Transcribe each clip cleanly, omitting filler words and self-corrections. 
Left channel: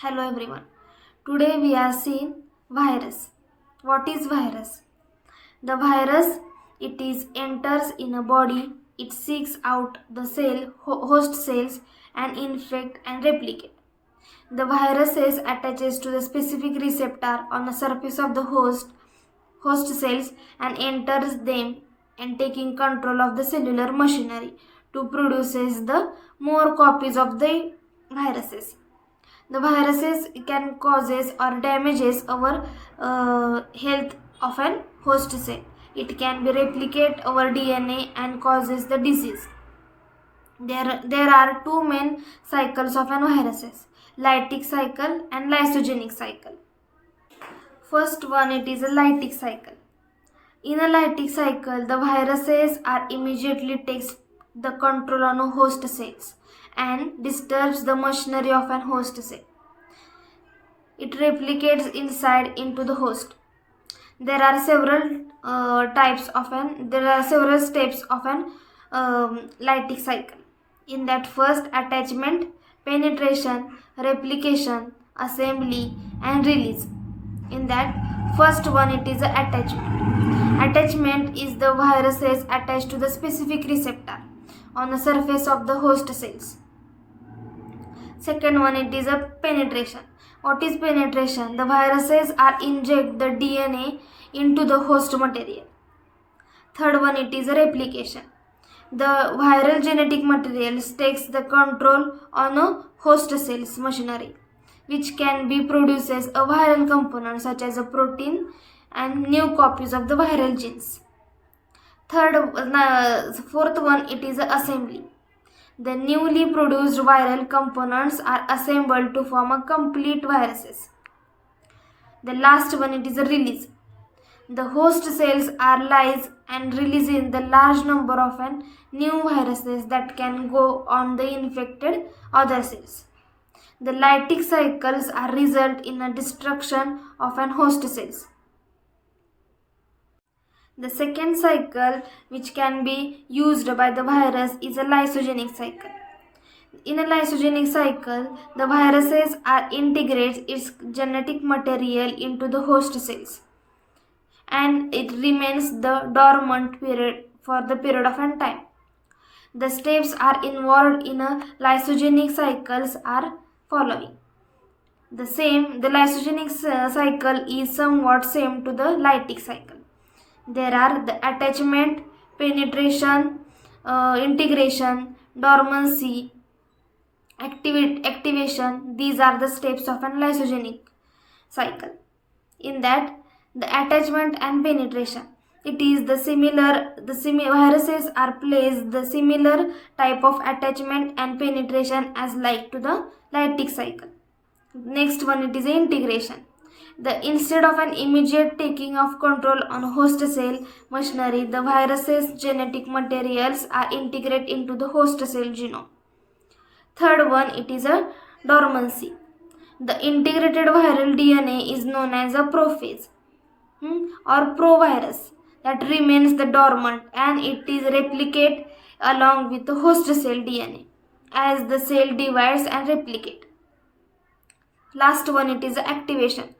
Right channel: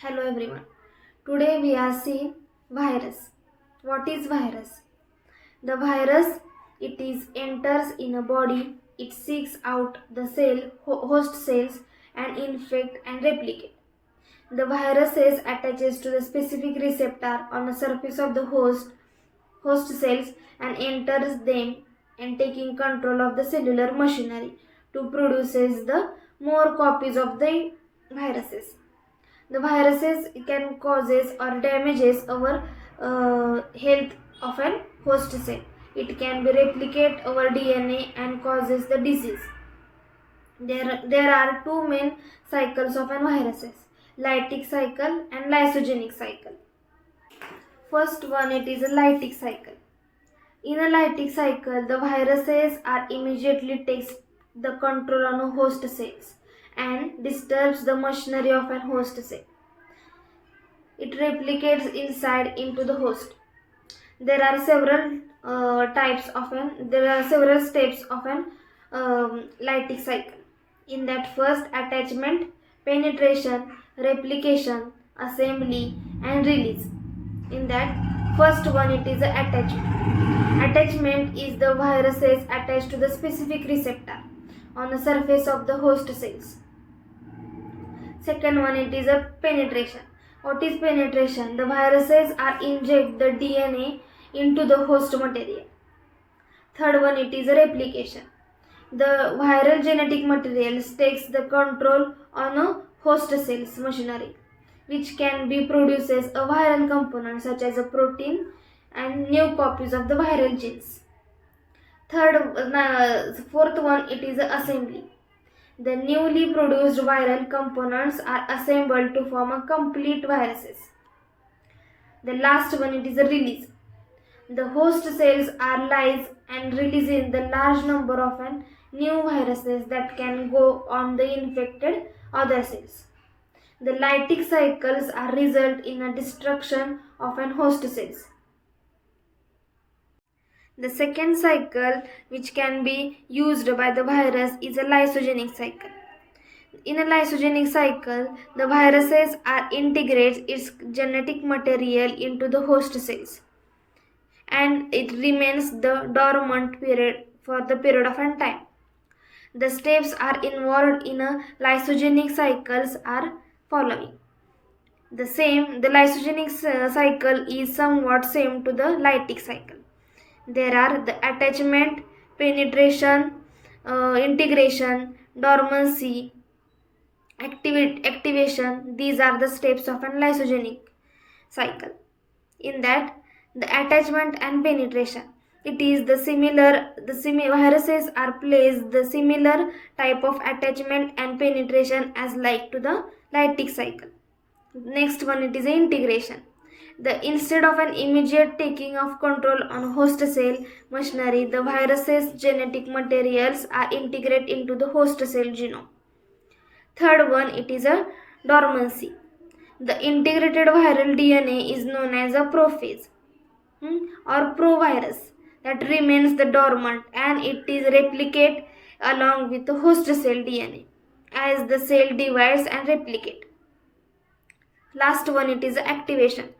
Hello everyone. Today we are seeing virus. What is virus? The virus it is enters in a body, it seeks out the host cells and infect and replicate. The viruses attaches to the specific receptor on the surface of the host cells and enters them and taking control of the cellular machinery to produces the more copies of the viruses. The viruses can causes or damages our health of an host cell. It can be replicate our DNA and causes the disease. There are two main cycles of an viruses: lytic cycle and lysogenic cycle. First one, it is a lytic cycle. In a lytic cycle, the viruses are immediately takes the control on a host cells and disturbs the machinery of an host cell. It replicates inside into the host. There are several several steps of an lytic cycle. In that, first, attachment, penetration, replication, assembly and release. In that first one, it is a attachment. Attachment is the viruses attached to the specific receptor on the surface of the host cells. Second one, it is a penetration. What is penetration? The viruses are inject the DNA into the host material. Third one, it is a replication. The viral genetic material takes the control on a host cell's machinery, which can be produces a viral component such as a protein and new copies of the viral genes. Fourth one, it is a assembly. The newly produced viral components are assembled to form a complete viruses. The last one, it is a release. The host cells are lyse and releasing the large number of new viruses that can go on the infected other cells. The lytic cycles are result in a destruction of an host cells. The second cycle which can be used by the virus is a lysogenic cycle. In a lysogenic cycle, the viruses are integrates its genetic material into the host cells and it remains the dormant period for the period of time. The steps are involved in a lysogenic cycles are following. The lysogenic cycle is somewhat same to the lytic cycle. There are the attachment, penetration, integration, dormancy, activation. These are the steps of a lysogenic cycle. In that, the attachment and penetration. It is viruses are placed the similar type of attachment and penetration as like to the lytic cycle. Next one, it is integration. Instead of an immediate taking of control on host cell machinery, the virus's genetic materials are integrated into the host cell genome. Third one, it is a dormancy. The integrated viral DNA is known as a prophase or provirus that remains the dormant and it is replicate along with the host cell DNA as the cell divides and replicate. Last one, it is activation.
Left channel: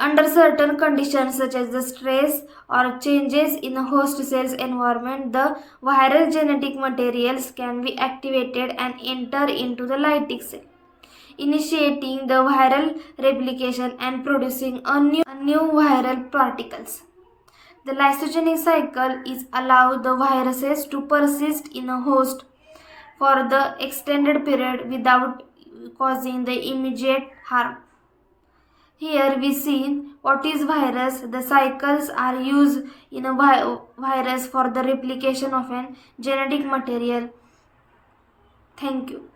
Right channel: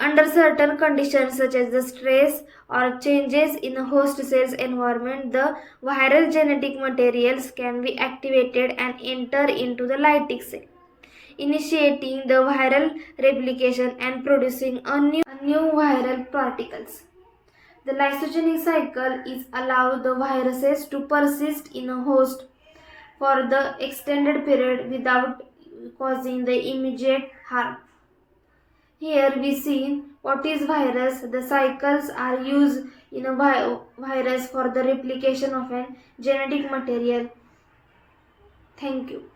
Under certain conditions such as the stress or changes in a host cell's environment, the viral genetic materials can be activated and enter into the lytic cell, initiating the viral replication and producing a new viral particles. The lysogenic cycle is allow the viruses to persist in a host for the extended period without causing the immediate harm. Here we see what is virus. The cycles are used in a virus for the replication of an genetic material. Thank you.